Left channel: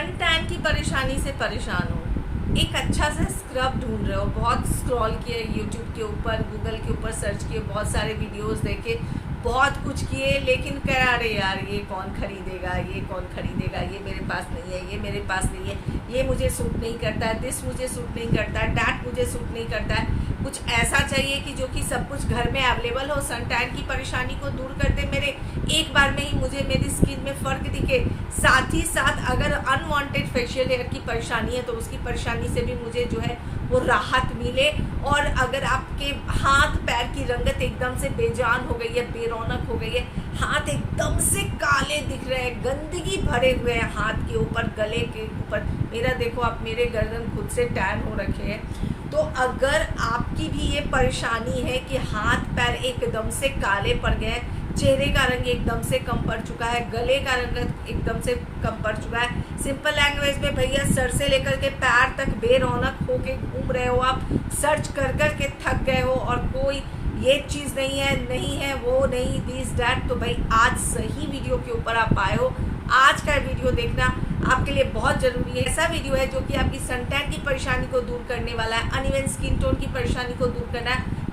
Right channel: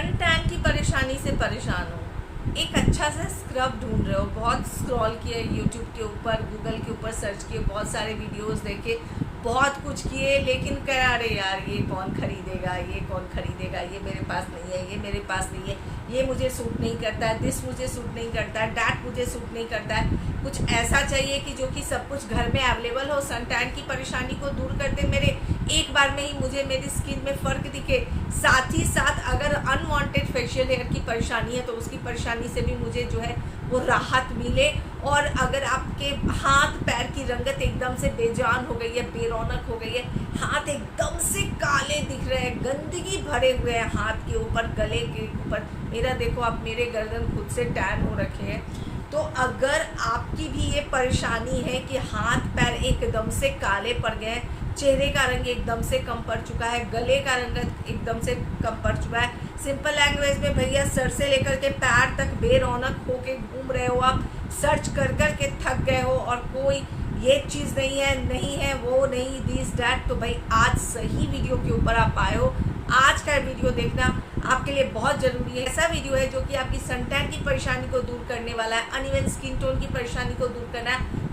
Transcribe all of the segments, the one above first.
Sun tan की परेशानी से परेशान हो, एक अच्छा सा स्क्रब ढूंढ रहे हो, बहुत स्क्रॉल किए यूट्यूब के ऊपर, गूगल के ऊपर सर्च किए, बहुत सारे वीडियोस देखे, बहुत कुछ किए, लेकिन करा रहे यार ये कौन खरीदेगा, ये कौन खरीदेगा, ये मेरे पास नहीं है, ये मेरे पास नहीं है, ये मुझे सूट नहीं करता है, दिस मुझे सूट नहीं करता है, डैट मुझे सूट नहीं करता है। कुछ ऐसा चाहिए कि जो कि सब कुछ घर में अवेलेबल हो, सन टैन की परेशानी को दूर कर दे मेरे, एक बार में ही मुझे मेरी स्किन में फ़र्क दिखे। साथ ही साथ अगर अनवांटेड फेशियल हेयर की परेशानी है तो उसकी परेशानी से भी मुझे जो है वो राहत मिले। और अगर आपके हाथ पैर की रंगत एकदम से बेजान हो गई है, बेरौनक हो गई है, हाथ एकदम से काले दिख रहे हैं, गंदगी भरे हुए हैं हाथ के ऊपर, गले के ऊपर, मेरा देखो आप, मेरे गर्दन खुद से टैन हो रखे हैं। तो अगर आपकी भी ये परेशानी है कि हाथ पैर एकदम से काले पड़ गए, चेहरे का रंग एकदम से कम पड़ चुका है, गले का रंग एकदम से कम पड़ चुका है, सिंपल लैंग्वेज में भैया सर से लेकर के पैर तक बेरौनक होके घूम रहे हो, आप सर्च कर कर के थक गए हो और कोई ये चीज़ नहीं है वो नहीं, दिस डैट, तो भाई आज सही वीडियो के ऊपर आप आए हो। आज का वीडियो देखना आपके लिए बहुत ज़रूरी है। ऐसा वीडियो है जो कि आपकी सन टैन की परेशानी को दूर करने वाला है, अनइवन स्किन टोन की परेशानी को दूर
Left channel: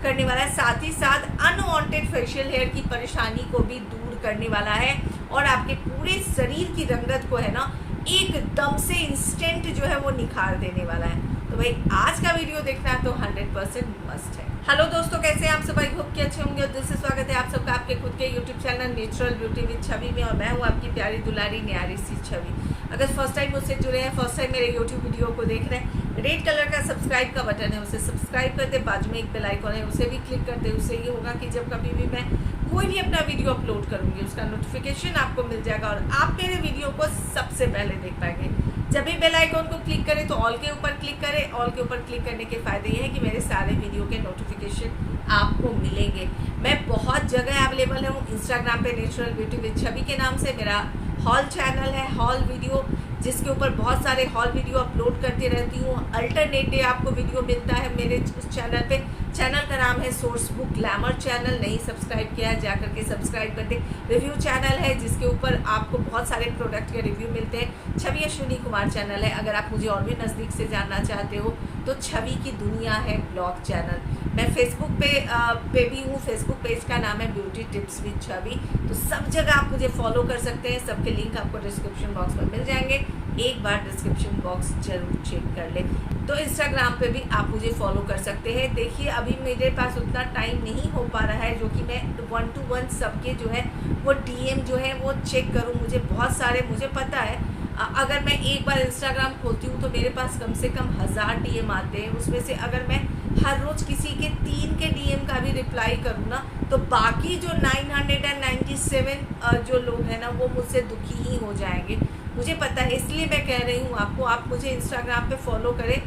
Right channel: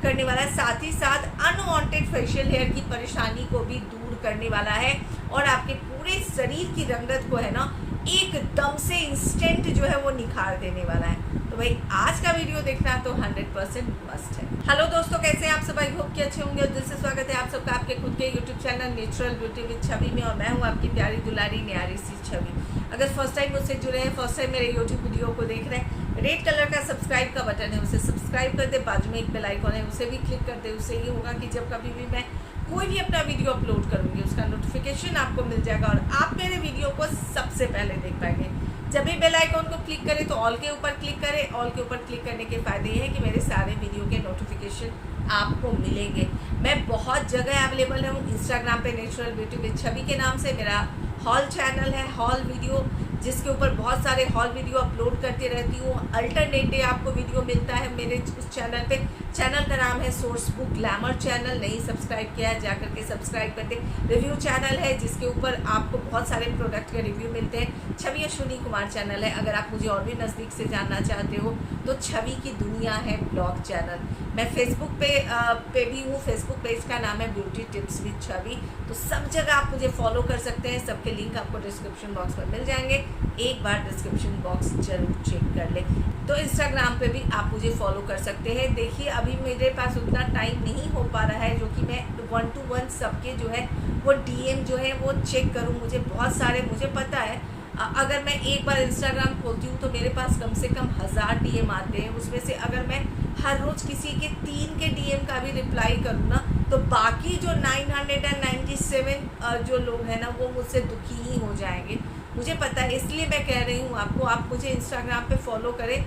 करने वाला है, साथ ही साथ अनवांटेड फेशियल हेयर की परेशानी को भी दूर करने वाला है, और आपके पूरे शरीर की रंगत को है ना एकदम से इंस्टेंट जो है वो निखार देने वाला है। तो भाई आज का वीडियो देखना तो 100% मस्ट है। हेलो दोस्तों, कैसे हैं आप सब? आई होप कि अच्छे होंगे और दिल से स्वागत है आप सबका आपके खुद के YouTube channel natural beauty with Chhavi में, और मैं हूं आपकी प्यारी दुलारी न्यारी सी छवि। अगर फर्स्ट टाइम मुझसे जुड़े हैं, फर्स्ट टाइम मेरे यूट्यूब वीडियो को देख रहे हैं, रेड कलर का सब्सक्राइब का बटन है, उसे सब्सक्राइब कर दे, बाजू में एक बेल आइकन है उसे भी क्लिक कर दे। उससे ये होगा कि जब कभी भी मैं कोई भी अपना वीडियो अपलोड करूंगी उसका नोटिफिकेशन आपको मिल जाएगा और आप मेरे वीडियो को सबसे पहले देख पाएंगे। जब भी बेल आइकॉन को क्लिक करें तो ऑल के ऊपर क्लिक करें। ऑल के ऊपर क्लिक करने के फायदे ये हैं कि मेरे सारे वीडियो के नोटिफिकेशन आपको मिलेंगे। मैं बहुत जगह अवेलेबल हूँ, इंस्टाग्राम पे नेचुरल ब्यूटी विद छवि के नाम से मेरा हॉल चैनल है, हॉल वीडियो, जिसके ऊपर बहुत सारे हॉल वीडियो अपलोड करती रहती हूँ। अल्टरनेट डे आपको वीडियो मिलता है मेरे उस चैनल पे। चैनल का नाम है सोर्स बुक ग्लैमर चैनल, नहीं सब्सक्राइब किया है जाकर के सब्सक्राइब कर दे। रिव्यू चैनल है जिसके ऊपर आपको बहुत सारे प्रोडक्ट के रिव्यू मिलते हैं। छवि अश्विनी कुमार चैनल है, अगर आप मुझे और भी नज़दीक से जानना चाहते हो तो छवि की दुनिया है ब्लॉग चैनल। मैं फेसबुक पे भी हूँ, फेसबुक पेज का नाम है ब्यूटी टिप्स विद छवि। तो सब जगह आप मुझे फॉलो कर सकते हैं, सबके लिंक आपको डिस्क्रिप्शन बॉक्स में मिल जाएंगे, एक बार डिस्क्रिप्शन बॉक्स जरूर चेक कर ले। तो इंस्टाग्राम पे भी आप मुझे फॉलो कर सकते हैं। देखिए अभी मेरे पास उतना टाइम नहीं हो पा रहा है जो कि मैं 1 to 1 सबके जो है वो डीएम जो है वो चेक करूं। मुझे बहुत सारे, मुझे पता है अगर मैं एक बार इंस्टाग्राम खोलती हूँ तो मेरे पास कम से कम 1000 डीएम आते हैं। उसमें से अगर मैं हर रोज़ किसी के 3 के डीएम का भी रिप्लाई करूँ ना तो बाकी जो 997 जो लोग हैं ना वो मुझसे दुखी ही हो जाएंगे, मुझे पता है। इसलिए मैं कह रही हूँ आपको, आप मुझे इंस्टाग्राम पे फॉलो करें।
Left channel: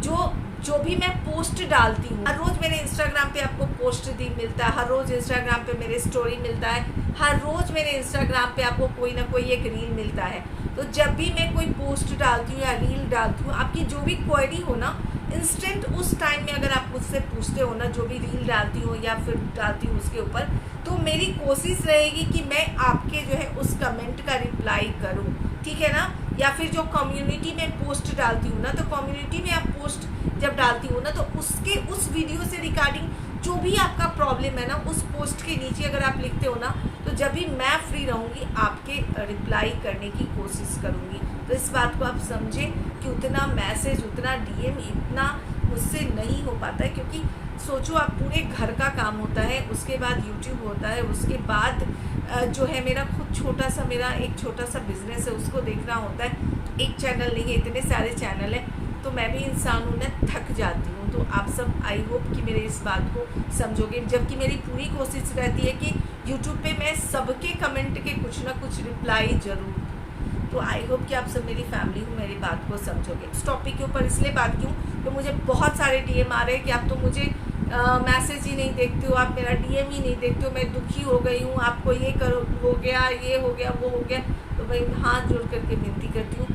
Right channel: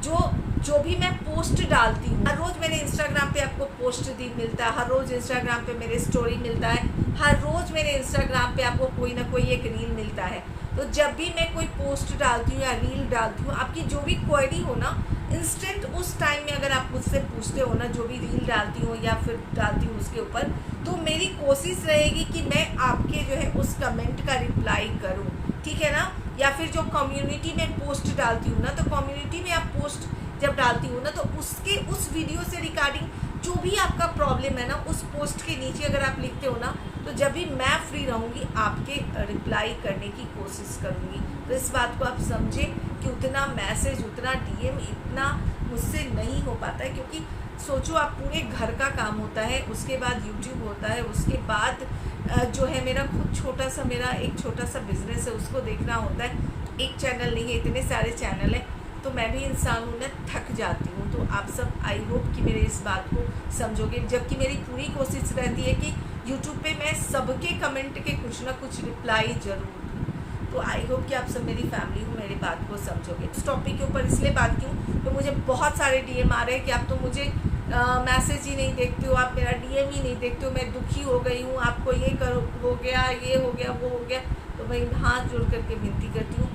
जो भी मैं पोस्ट डालती हूँ, हर रोज़ मेरे इंस्टाग्राम पे आपको पोस्ट मिलता है, हर रोज़ इंस्टाग्राम पे मेरे स्टोरी मिलता है, हर रोज़ मेरे इंस्टाग्राम पे आपको कोई ना कोई एक रील मिलता है। तो जब भी मैं कोई पोस्ट डालती हूँ या रील डालती हूँ, आपकी जो भी क्वेरी हो ना इंस्टेंट उस टाइम में अगर आप मुझसे पूछते हो ना, जो भी रील डालती हूँ या फिर डालती हूँ उसके ऊपर, तो मेरी कोशिश रहेगी कि मैं आपके जो है उस कमेंट का रिप्लाई करूँ, ठीक है ना। या फिर जो कम्युनिटी में पोस्ट डालती हूँ ना, तो कम्युनिटी में आप पोस्ट जब डालती हूँ ना तो उसके उस वीडियो से रिगार्डिंग जो भी आपका प्रॉब्लम है ना, उस पोस्ट के नीचे अगर आप लिखते हो ना, तो जब भी मैं फ्री रहूँगी आपके रिप्लाई करने की कोशिश करूँगी। तो इस बात को आप समझें कि उतना मैसेज, उतना डीएम इतना मुझसे नहीं हो पाता है, क्योंकि सोचो आप, पूरे घर का काम होता है, उसके बाद यूट्यूब होता है, उसके बाद जो है मेरा खुद मेरा एक छोटा सा बिजनेस है, उसको देखना होता है। एक चैनल नहीं है, इतने सारे चैनल हैं, तो मैं भी इंसान हूँ ना, थक जाती हूँ। तो आप सब आई होप कि मेरे इस बात को समझोगे, जबकि मेरी पूरी कोशिश रहती है कि यूट्यूब पे मैं सबके कमेंट के कुछ ना कुछ रिप्लाई जरूर दूँ। तो आई होप कि आप सब मेरी फैमिली हो, मेरी बात को समझोगे। इस टॉपिक के ऊपर इसलिए बात क्यों, तो मुझे बहुत सारे डीएम आ रहे हैं कि आप तो मुझे मैसेज ही नहीं देखते हो, आप मेरा डीएम ही नहीं देखते हो, मैं दुखी हो गई हूँ, आपको ये हो गया, ये हो गया, वो हो गया। तो भाई हाथ जोड़ करके विनती करती हूँ,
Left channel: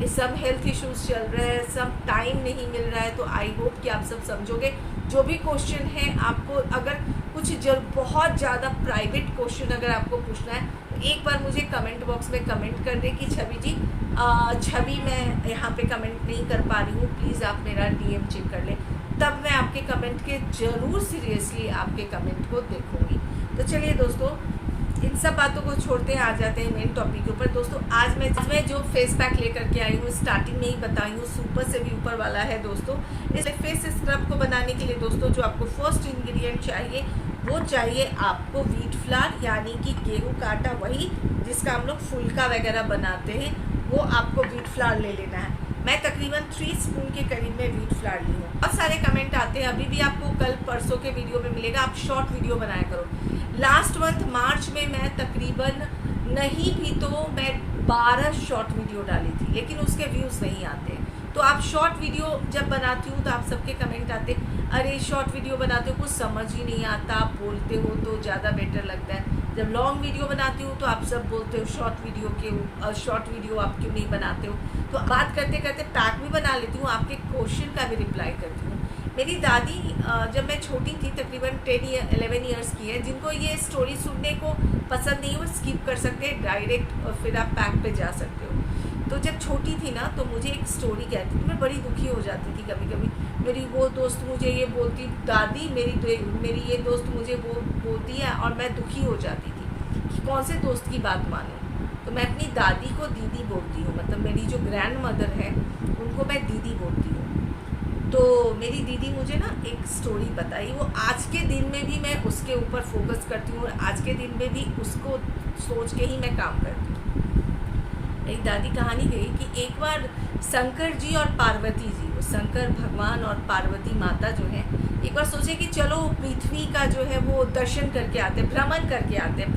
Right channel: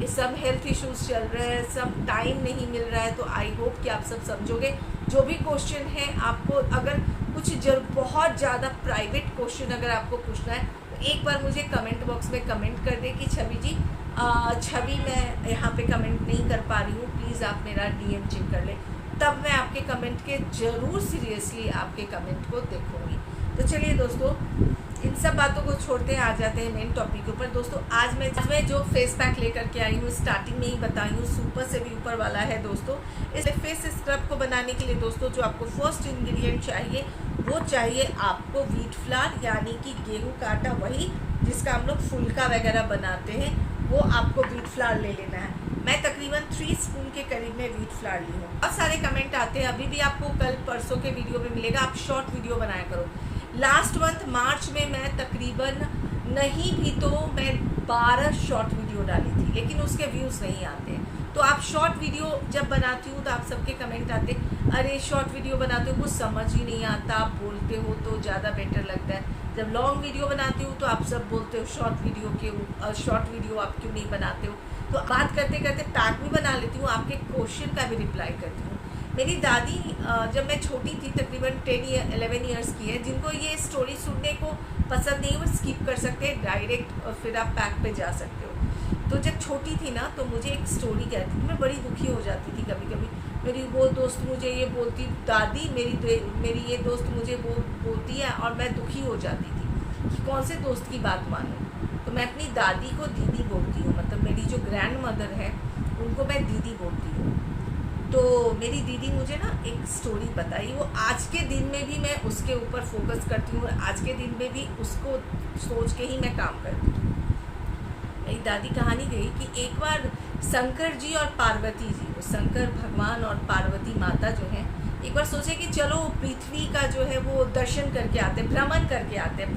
ये सब हेल्थ इश्यूज चल रहे हैं, सब टाइम नहीं मिल रहा है। तो आई होप कि आप सब समझोगे। जो भी क्वेश्चन है आपको, अगर कुछ बहुत ज़्यादा प्राइवेट क्वेश्चन अगर आपको पूछना है तो एक बार मुझे कमेंट बॉक्स में कमेंट कर दे कि छवि जी छवि मैं यहाँ पे कमेंट नहीं कर पा रही हूँ, प्लीज़ आप मेरा डीएम चेक कर लें, तब मैं आपके कमेंट के ज़रूर सीरियसली आपके कमेंट को देखूँगी। तो चलिए दोस्तों, इन सब बातों को छोड़ते हैं, आ जाते हैं मेन टॉपिक के ऊपर। दोस्तों आज मैं जो फेस पैक लेकर के आई हूँ, स्टार्टिंग में ही बताई हूँ, सुपर से भी ऊपर वाला है दोस्तों। इस फेस स्क्रब को बनाने के लिए दोस्तों जो आपको फर्स्ट इंग्रेडिएंट चाहिए वो चाहिए आपको व्हीट फ्लावर, यानी कि गेहूं का आटा, वही जिसका हम लोग फुल्का वगैरह बनाते हैं, वो आपको व्हीट फ्लावर ले लेना है। मैं तकरीबन 3 स्पून के करीब में व्हीट फ्लावर ली हूँ। बहुत सारे कमेंट आते हैं, अभी भी आपको कल परसों के वीडियो में मिलेगा, आप शॉर्ट वीडियो बनाया करो। लास्ट मंथ मार्च में मैं तकरीबन नहीं भी तो मैं 12 शॉर्ट वीडियो डाली थी, लेकिन उसके व्यूज़ नहीं आते हैं। तो आप शॉर्ट वीडियो जब बनाती हूँ तो आप सबके कमेंट आते, अरे शॉर्ट वीडियो बनाते हो कुछ समझ ही नहीं आता, आप बोलते हो तो ज़्यादा बेटर लगता है। जब लॉन्ग वीडियो बनाती हूँ तो आप सब बोलते हो शॉर्ट वीडियो आप क्यों नहीं बनाते हो। तो बात करते करते पैक भी बना लेती हूँ, आपके क्वेश्चन का भी रिप्लाई करती हूँ। मेरी दादी जब मैं छोटी थी, तकरीबन 11 ईयर्स की है, जिनको ये स्टोरी सुनने को पसंद नहीं, वो स्किप कर सकते हैं डायरेक्ट, और फिर आप पैक पे जा सकते हो। तो जब छोटी थी ना तो मुझे एक स्टोरी कहती थी, मैं बड़ी दुखी हो जाती थी कभी कभी। मेरी वो दोस्त मुझे ये बोलती, दादी मेरी ये दोस्त मुझे वो बोलती है, और मैं दुखी हो जाती थी कि कौन से दोस्त की बात मानूं। तो मैं अपनी दादी को दीदी बोलती हूँ, मतलब मेरी जो ग्रैंड मदर है उनको मैं दीदी बोलती हूँ। तो मेरी दीदी मुझे ना एक स्टोरी बताई, वो आज के दिन में भी मैं उसके ऊपर फोकस करती हूँ, और आज के दिन में भी उसको सोच के ही मैं काम करती हूँ। मेरी दादी कहानी गई कि एक बार शंकर जी और पार्वती जी, वो शंकर भगवान और पार्वती माता जो है, एक बार सोचे कि चलो पृथ्वी का जो है वो दर्शन करके आते, भ्रमण करके आते हैं।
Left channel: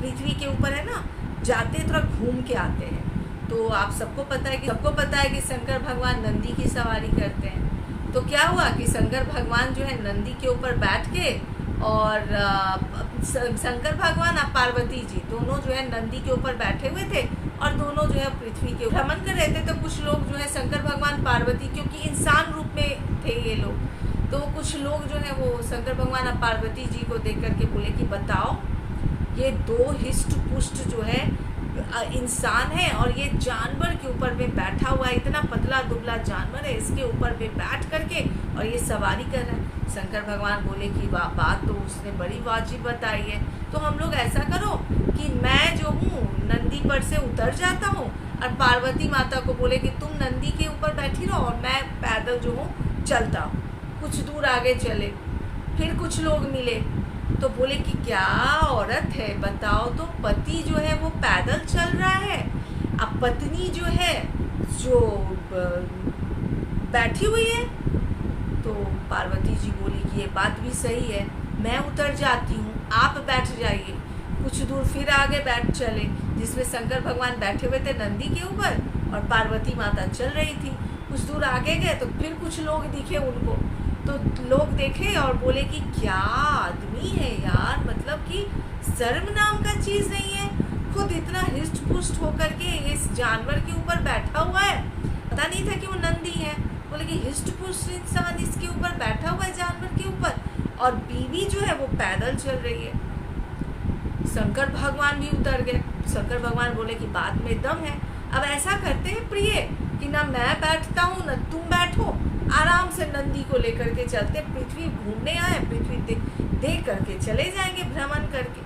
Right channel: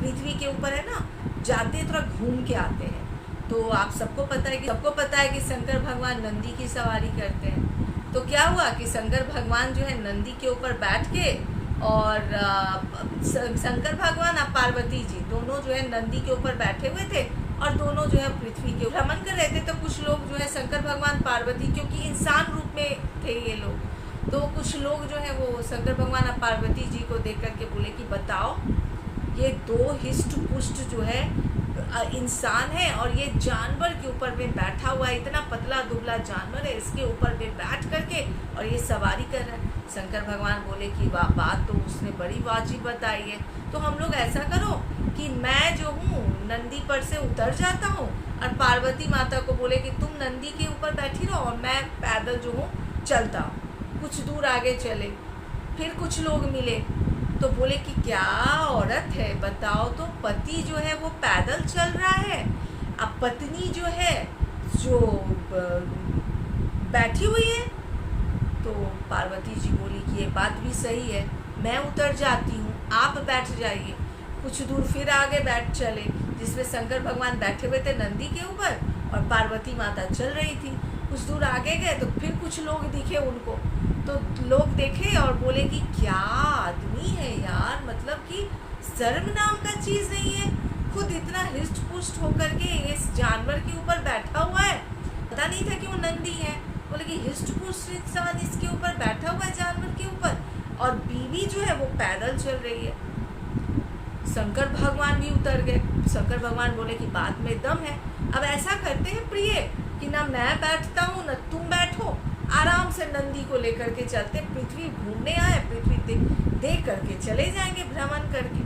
पृथ्वी के ऊपर है ना, जाते थोड़ा घूम के आते हैं। तो आप सबको पता है कि शंकर भगवान नंदी की सवारी करते हैं। तो क्या हुआ कि शंकर भगवान जो है नंदी के ऊपर बैठ के, और शंकर भगवान और पार्वती जी दोनों जो है नंदी के ऊपर बैठे हुए थे, और दोनों जो है पृथ्वी के भ्रमण कर रहे थे। तो कुछ लोग जो है शंकर भगवान पार्वती, क्योंकि इंसान रूप में थे ये लोग, तो कुछ लोग जो है वो शंकर भगवान और पार्वती जी को देख करके बोले कि बताओ, ये 2 हिस्ट पुष्ट जो है इंसान है, और ये जानवर के ऊपर में बैठा हुआ है, इतना पतला दुबला जानवर है, इसके ऊपर में बैठ करके और ये सवारी कर रहा है। शंकर भगवान बोले कि वाह, बात तो उसने बड़ी वाजिब बताई है। तो हम लोग ऐसा करो कि मैं जो हूँ नंदी पर से उतर जाता हूँ, और पार्वती माता को बोले कि तुम नंदी के ऊपर बैठी रहो और मैं पैदल जो हूँ चलता हूँ। कुछ दूर आगे चले, फिर कुछ लोग मिले तो बोले कि क्या औरत है, बताओ तो, पति जो है वो पैदल चल रहा है, अब पत्नी जो है जो बैठी हुई है। तो पार्वती जी बोली कि ये बात भी सही है, मैं उतर जाती हूँ, आप बैठ जाइए। कुछ दूर फिर आगे बैठ चले, जिसमें शंकर भगवान बैठे हुए थे नंदी के ऊपर, और पार्वती माता चल रही थी। कुछ दूर आगे गए तो फिर कुछ लोग दिखे उनको, तो लोग देखे और बोले कि क्या आदमी है यार, मतलब कि शर्म नाम का चीज़ नहीं है, खुद इतना हिस्ट पुष्ट होकर के इस जानवर के ऊपर बैठा हुआ है। पता नहीं था कि वो नंदी है। बोले कि हिस्ट पुष्ट इंसान इसके ऊपर बैठा हुआ है जानवर के ऊपर, और बीवी जो है वो पैदल चल रही है। शंकर भगवान भी उतर गए। शंकर भगवान बोले कि बात में दम है, अब ऐसा करते हैं प्रिय कि ना मैं बैठता हूँ ना तुम बैठो, आराम से नंदी को लेकर के चलते, पृथ्वी घूमने आए, पृथ्वी देख करके चले जाएंगे भ्रमण करके।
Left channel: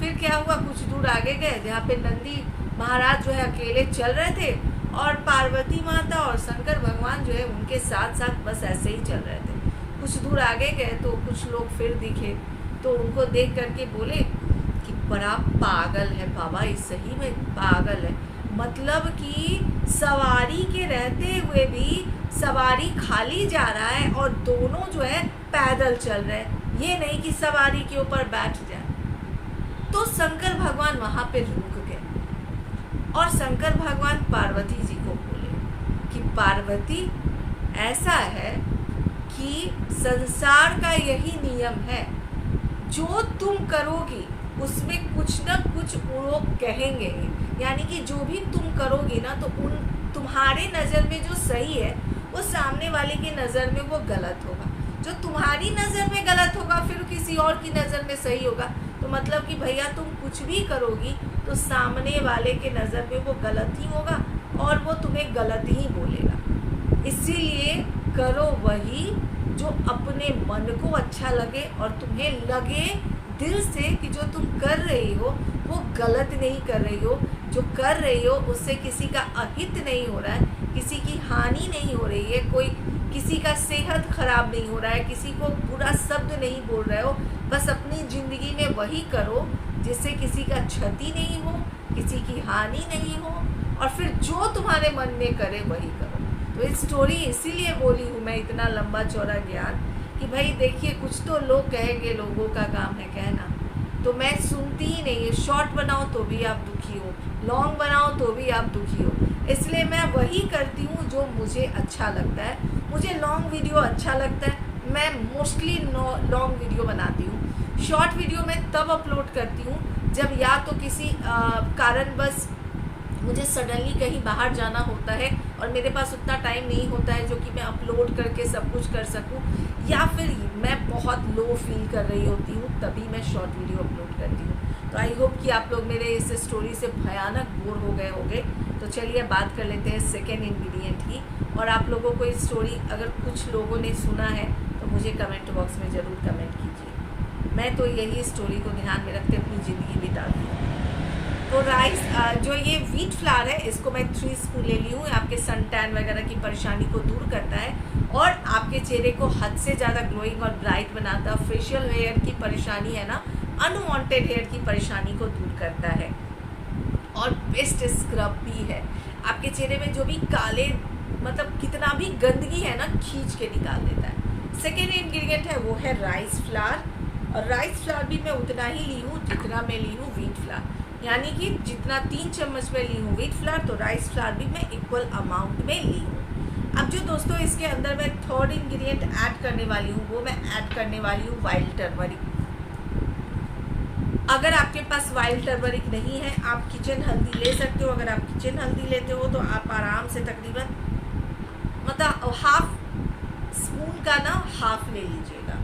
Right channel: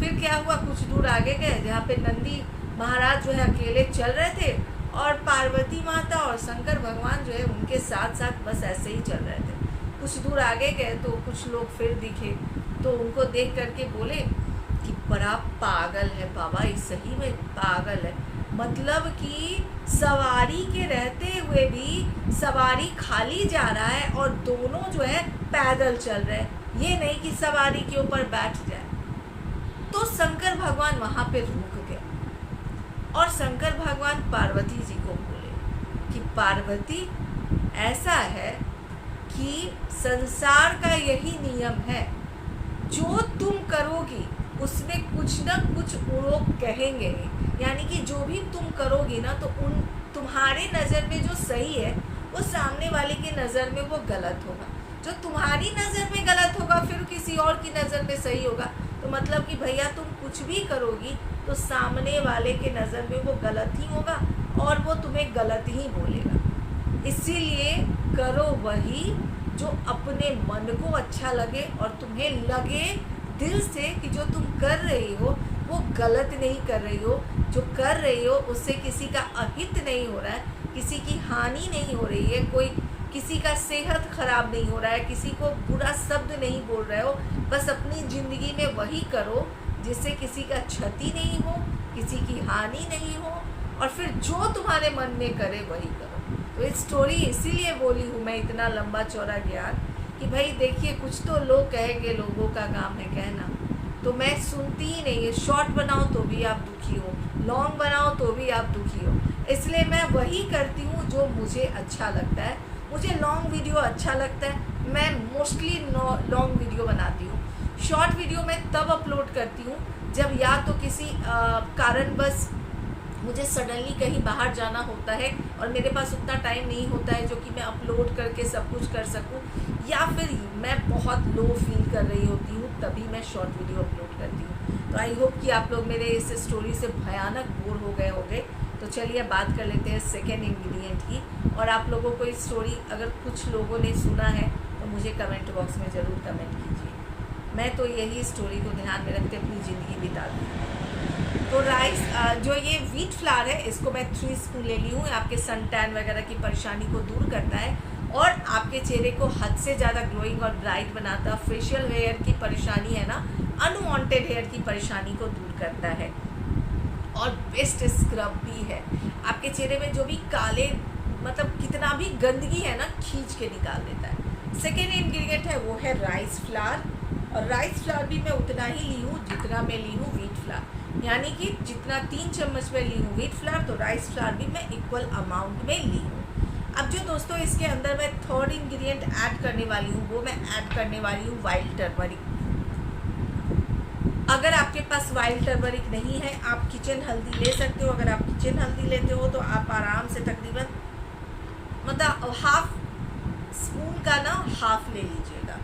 फिर क्या हुआ, कुछ दूर आगे गए जहाँ पे नंदी महाराज जो है अकेले चल रहे थे, और पार्वती माता और शंकर भगवान जो है उनके साथ साथ बस ऐसे ही चल रहे थे। कुछ दूर आगे गए तो कुछ लोग फिर दिखे, तो उनको देख करके बोले कि बड़ा पागल है बाबा, ये सही में पागल है, मतलब कि सवारी के रहते हुए भी सवारी खाली जा रहा है, और दोनों जो है पैदल चल रहे हैं, ये नहीं कि सवारी के ऊपर बैठ जाए। तो शंकर भगवान वहां पे रुक गए, और शंकर भगवान पार्वती जी को बोले कि पार्वती, ऐसा है कि संसार का यही नियम है, जो तुम करोगी उसमें कुछ ना कुछ लोग कहेंगे, यानी कि जो भी तुम करोगी ना, तो तुम्हारे नज़र में जो सही है वो सामने वाले की नज़र में वो गलत होगा, जो तुम्हारी नज़र में गलत होगा फिर किसी और की नज़र में सही होगा। तो मतलब कि भैया तुम कुछ भी करोगी तो सामने वाले के नज़र में वो गलत ही होगा, और वो तुम्हें गलत ही बोलेगा। इसीलिए करो वही जो अपने मन को अच्छा लगे और तुम्हें लगे दिल से कि जो तुम कर रही हो वो गलत नहीं कर रही हो, जो कर रही हो उससे किसी का अहित नहीं हो रहा है, किसी की हानि नहीं हो रही है, कोई किसी का सेहत खराब नहीं हो रहा है, किसी को बुरा शब्द नहीं बोल रहे हो। बस अपनी ज़िंदगी में वही करो जिससे किसी का क्षति नहीं हो, किसी की हानि नहीं हो, और फिर जो तुम्हारे मन में करे वही करो। तो ये स्टोरी इसीलिए बोली हूँ मैं, इतना लंबा चौड़ा ज्ञान, कि भाई देखिए कुछ तो लोग कहेंगे, लोगों का काम है कहना, तो मैं सुनती ही नहीं है। शॉर्ट बनाओ तो भी आप दुखी हो, लॉन्ग बनाओ तो भी आप दुखी हो। इसलिए मैं वही करती हूँ जो मुझे अच्छा लगता है। मुझे लॉन्ग वीडियो अच्छा लगता है, मैं मोस्टली लॉन्ग वीडियो बनाती हूँ। शॉर्ट वीडियो मैं तब अपलोड करती हूँ जब या तो किसी कारणवश मुझे सडनली कहीं बाहर जाना होता है और मेरे पास उतना टाइम नहीं होता है जो कि मैं अपलोड करके सब कुछ कर सकूं, या फिर मैं बहुत लो फील कर रही होती हूँ, तभी मैं शॉर्ट वीडियो अपलोड करती हूँ। तो आई होप कि आप लोग मेरे इस स्टोरी से भयानक बोर हो गए होंगे। तो चलिए बात कर लेते हैं सेकेंड इंग्रेडिएंट की। और आप लोगों को इस स्टोरी अगर कुछ लोगों ने सुना है तो मुझे कमेंट बॉक्स में ज़रूर कमेंट कीजिए। मैं तो यही स्टोरी को ध्यान में रखते अपनी ज़िंदगी बिताती हूँ। तो राइस जो ये व्हीट फ्लावर है, इसको मैं 3 स्पून ले ली हूँ। आपके सन टैन वगैरह की परेशानी को दूर करता है और आपके चेहरे को हद से ज़्यादा ग्लोइंग और ब्राइट बनाता है। फेशियल हेयर की परेशानी है ना, अनवांटेड हेयर की परेशानी को दूर करता है और बेस्ट स्क्रब भी है। आपके चेहरे में जो भी काले मतलब कितना भी गंदगी है ना, खींच के निकाल देता है। सेकेंड इंग्रेडिएंट है वो है राइस फ्लावर, और राइस फ्लावर भी मैं उतना ही ली हूँ जितना मैं ली हूँ व्हीट फ्लावर, यानी कि जितना 3 चम्मच में ली हूँ व्हीट फ्लावर, तो राइस फ्लावर भी मैं इक्वल अमाउंट में ली हूँ। अब जो दोस्तों इसके अंदर मैं थर्ड इंग्रेडिएंट ऐड करने वाली हूँ, वो मैं ऐड करने वाली हूँ वाइल्ड टर्मरिक। अगर आपके पास वाइल्ड टर्मरिक नहीं है, आप किचन हल्दी ले सकते हो। अगर आप किचन हल्दी लेते हो तो आप आराम से तकरीबन मतलब हाफ स्पून का ना हाफ ले लीजिएगा,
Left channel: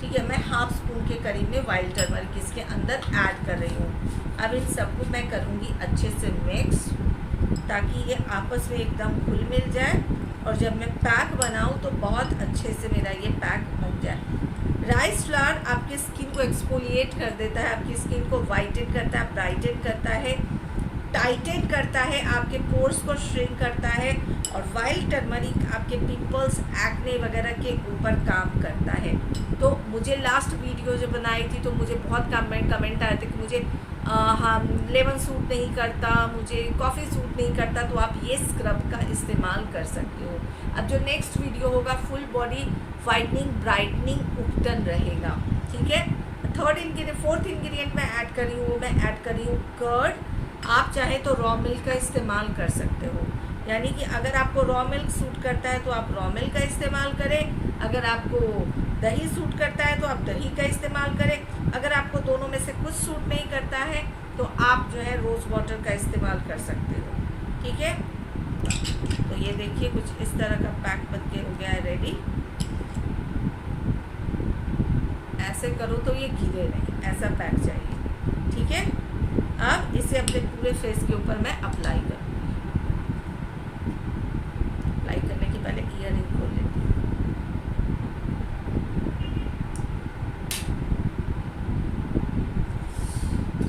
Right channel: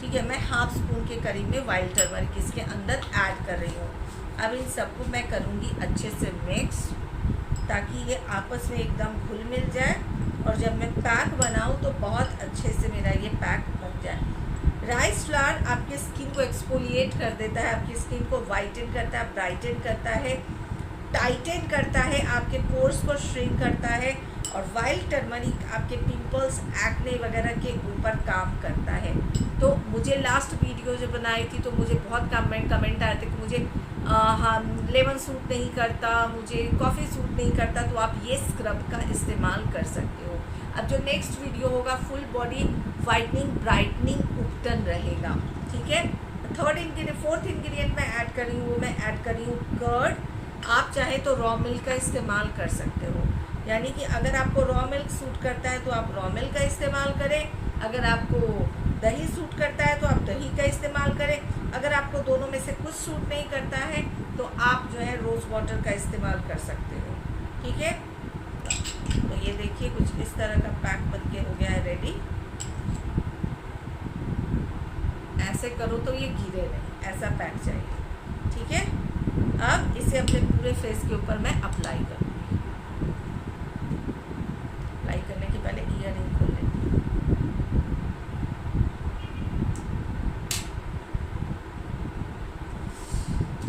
ठीक है। मैं हाफ स्पून के करीब में वाइल्ड टर्मरिक इसके अंदर ऐड कर रही हूँ। अब इन सबको मैं करूँगी अच्छे से मिक्स, ताकि ये आपस में एकदम घुल मिल जाए और जब मैं पैक बनाऊँ तो बहुत अच्छे से मेरा ये पैक बन जाए। राइस फ्लावर आपकी स्किन को एक्सफोलिएट कर देता है, आपकी स्किन को वाइटन करता है, ब्राइटन करता है, टाइटन करता है, आपके पोर्स को श्रिंक करता है, और वाइल्ड टर्मरिक आपके पिंपल्स, एक्ने वगैरह के ऊपर काम करता है। तो मुझे लास्ट वीडियो जो बनाई थी तो मुझे बहुत कमेंट आए थे कि मुझे हाँ लेमन सूट नहीं करता, मुझे कॉफ़ी सूट नहीं करता, तो आप ये स्क्रब का इस्तेमाल कर सकते हो। अब जो नेक्स्ट वीडियो होगा फुल बॉडी वाइटनिंग, ब्राइटनिंग, उपटन रहेगा, ठीक है। फोर्थ इंग्रेडिएंट मैं ऐड करी हूँ, वो मैं ऐड करी हूँ कर्ड। आप चाहे तो रॉ मिल्क का इस्तेमाल कर सकते हो, यानी कि अगर आपको रॉ मिल्क सूट करता है तो आप रॉ मिल्क का इस्तेमाल करें। अगर आपको दही सूट करता है तो आप दही का इस्तेमाल करें। अगर आपको दोनों में से कुछ सूट नहीं करता है तो आप जो है रोज़ वाटर का इस्तेमाल कर सकते हो, ठीक है। तो ये देखिए कुछ इस तरह का पैक बन के हो गया है रेडी। ऐसे करो तो ये गिरे नहीं, ऐसा पैक चाहिए, ठीक है। अब इसे अपने पूरे फेस के ऊपर मैं अप्लाई करूँगी। अप्लाई करने के पहले ईयररिंग खोल लेती हूँ।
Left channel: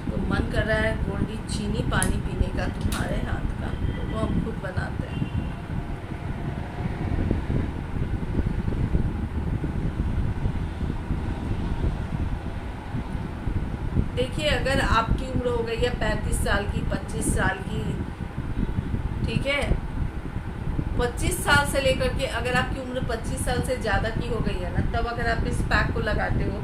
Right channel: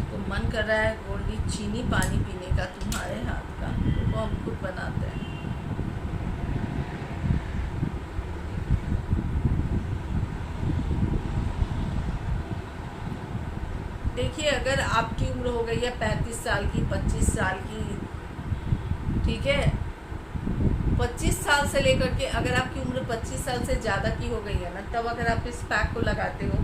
तो मन कर रहा है गोल्डी चीनी पानी पीने का तुम्हारे हाथ का, तो वो हम खुद बनाते हैं। देखिए अगर आपकी उम्र हो गई है 35 साल की, 25 साल की, ठीक है, 25 साल से लेकर के अगर आपकी उम्र 25 साल से ज़्यादा की हो गई है ना, तब अगर आप इस पैक को लगाते हो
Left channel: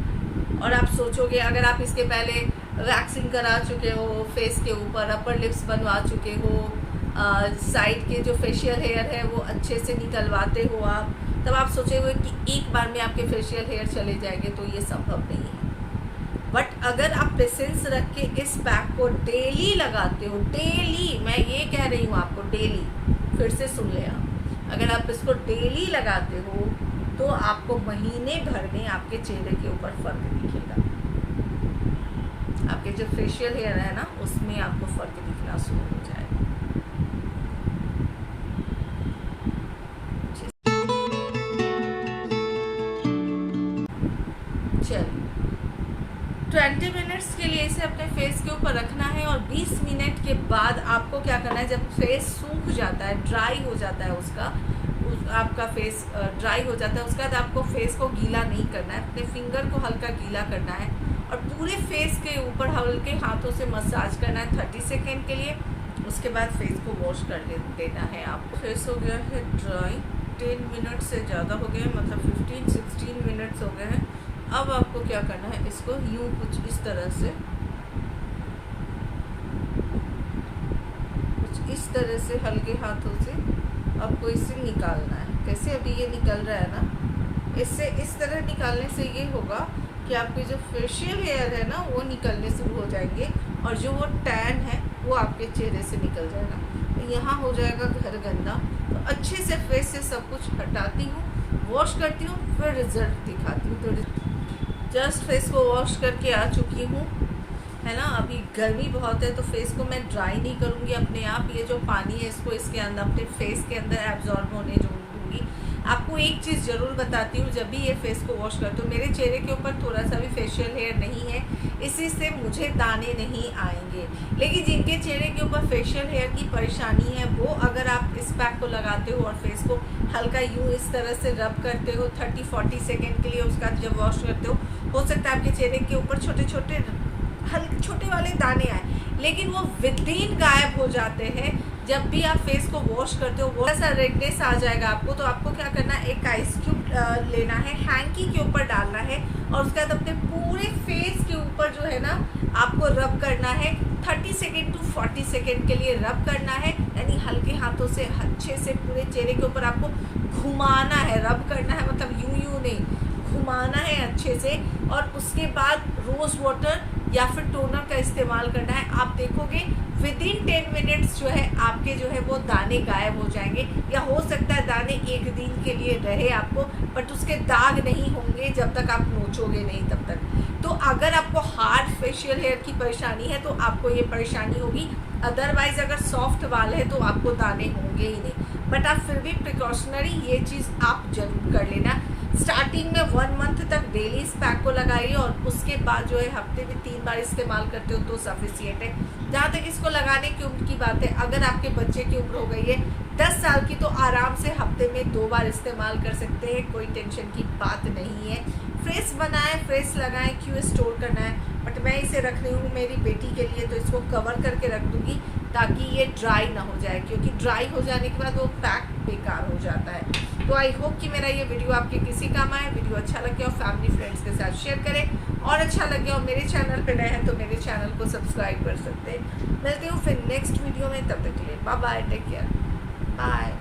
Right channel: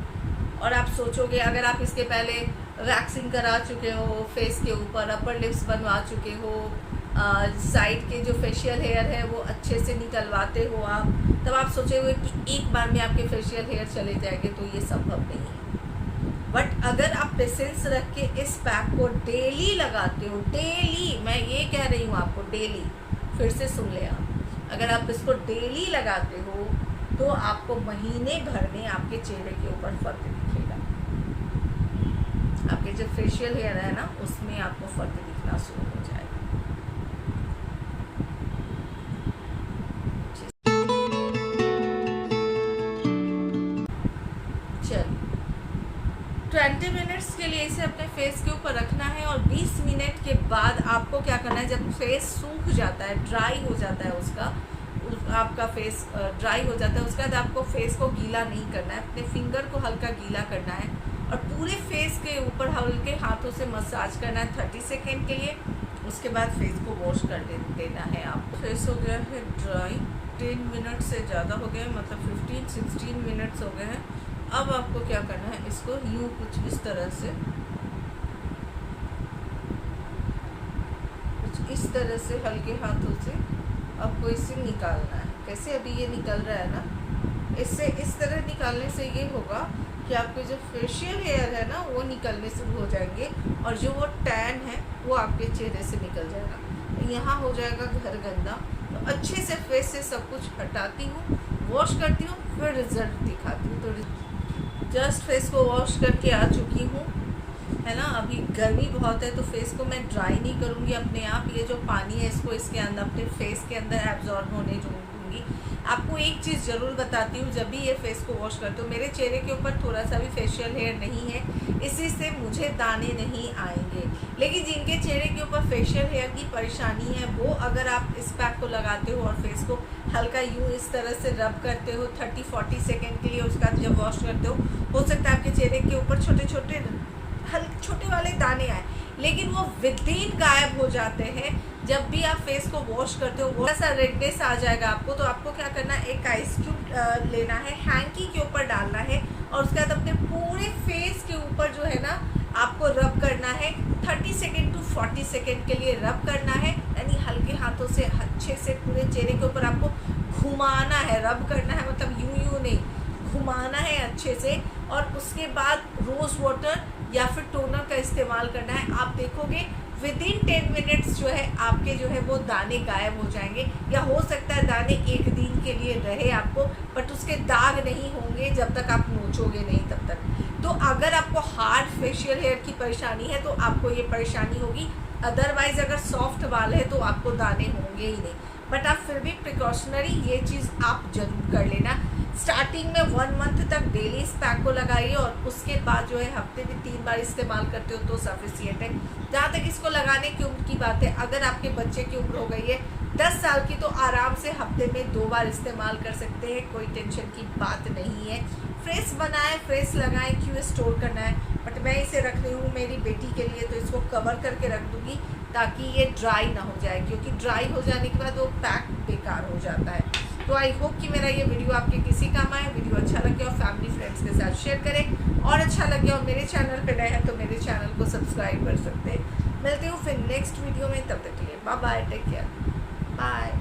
और आप सोचोगे, अगर आप इसके पहले वैक्सिंग करा चुके हो फेस के ऊपर, अपर लिप्स बनवा चुके हो, साइड के जो फेशियल हेयर है वो अच्छे से निकलवाते हो आप, तब आप सोचोगे कि एक बार में आपके फेशियल हेयर चले जाएंगे, तो ये संभव नहीं है। बट अगर आप पेशेंस रख के इस पैक को डेली लगाते हो, डेली, मैं ये कह रही हूँ आपको डेली, फिर से सुन ले आप, अगर आप इसको डेली लगाते हो तो आपको महीने भर में आपके चेहरे के ऊपर फर्क दिखेगा। आपके जो फेशियल हेयर है ना उसमें आपको फर्क दिखना शुरू हो जाएगा। 20 मिनट्स के लिए इसे अपने फेस के ऊपर रखना है और 20 मिनट के बाद आपको क्या करना है, जब फेस सूख जाता है, ड्राई हो जाता है आपका फेस ड्राई हो जाता है, उसके बाद आपको फेस को गीला नहीं करना है, अपने फिंगर को हल्का गीला करना है और पूरे फेस के ऊपर हल्के हाथों से मसाज करना है 30 सेकेंड के लिए। उसके बाद फेस को वॉश कर देना है। आप फेस हो गया है ड्राई, 10 मिनट से ज़्यादा हो गए, मतलब 15-16 मिनट्स हो गए हैं। अब आपको क्या करना है, इसको यूं कुछ इस तरह से हल्के हाथों से आपको इसे निकालना है। कैसे अभी ये निकल रहा है ना, इससे इस तरह निकालने से ये होगा कि आपके जो फेशियल हेयर है ना वो निकलने शुरू हो जाएंगे और जो वो टैन है वो आपके चेहरे से निकल जाएगा। तो यहाँ हो जाएगा घर गंदा, तो अच्छे से फेस से सब कुछ हटाती हूँ, वॉश करती हूँ, फिर रिजल्ट दिखाती हूँ। तो जस्ट फेस को वॉश करके आ चुकी हूँ, है ना। अभी गर्मी बहुत है तो फेस को मैं ड्राई नहीं करूँगी, अपने आप ये जो पानी है इसको इसके अंदर अपने फेस के अंदर एब्जॉर्ब होने दूँगी। आपको एक चीज़ ज़रूर बताती हूँ, जब भी ये फेस को वॉश करती हूँ, मेरे चेहरे के ऊपर थोड़ा सा भी फेशियल हेयर नहीं है, इसी से मुझे दाने नहीं आएंगे। लेकिन जिनके चेहरे के ऊपर फेशियल हेयर की परेशानी है, वो अगर आप इस पैक को लगाते हो और फेस को हल्का यूँ इस तरह से रब करते हो 30-40 सेकेंड के लिए, उसके बाद जब वॉश करते हो सकता है आपके चेहरे के ऊपर छोटे वाले दाने आए, लेकिन वो विदिन गायब हो जाते हैं। जब भी आप फेस को वॉश करते हो थोड़ा सा रेडनेस आ जाएगा आपको, तो आपको क्या करना है, एक आइस क्यूब लेना है, हैंकी के ऊपर डालना है और उसके बाद अपने पूरे फेस के ऊपर जो है ना आपको रब करना है 30 सेकेंड to 40 सेकेंड के लिए रब करना है। यानी हल्के हाथों से अच्छे से पूरे चेहरे के ऊपर आपको घुमाना है, रब करना है, मतलब यूं नहीं, घुमाना है अच्छे से। और उसके बाद रोज़ वाटर या फिर टोनर का इस्तेमाल करना है। आप देखोगे विदिन 10 मिनट्स जो है आपके जो है वो दाने गायब हो जाएंगे, या हो सकता है दाने एक दिन के लिए रहे आपको, बट उसके दाग नहीं होंगे जब तक आप नोचोगे नहीं तब तक। तो अगर आपको हार्ड फेशियल हेयर की परेशानी है तो आपको ये परेशानी होगी, अदरवाइज अगर सॉफ्ट बाल है तो आपको दाने होंगे ही नहीं। बट आप फिर भी प्रिकॉशनरी ये चीज़ आप जरूर कर लेना। स्टार्टिंग में 1 मंथ तक डेली इस पैक को लगाइए और उसके बाद जो है हफ्ते में 3 बार इस्तेमाल करते हो तो सफिशिएंट है। जहाँ तक इसको लगाने की उम्र की बात है, अगर आपके बच्चे की उम्र हो गई है 10 साल की, तो आराम से हफ्ते में 2 बार इस्तेमाल कर सकते हैं, कोई टेंशन की बात नहीं है। फ्रेश बनाएं, फ्रेश लगाएं, क्यों स्टोर करना है। बट मैं इसे रख रही हूँ मेरी बेटी के लिए, तो इसको कवर करके रख दूँगी ताकि ये ड्राई ना हो जाए, क्योंकि ड्राई हो जाने के बाद वो पैक बेकार हो जाता है। तो आई होप कि मेरा ये वीडियो आपके किसी काम आए। वीडियो अच्छा लगे और फैमिली फ्रेंड्स के साथ शेयर करें, और अच्छा लगे और मेरे चैनल पे नए हैं तो मेरे चैनल को सब्सक्राइब कर सकते हैं। मिलते हूँ फिर नेक्स्ट वीडियो में, तब तक के लिए bye bye, take care, bye.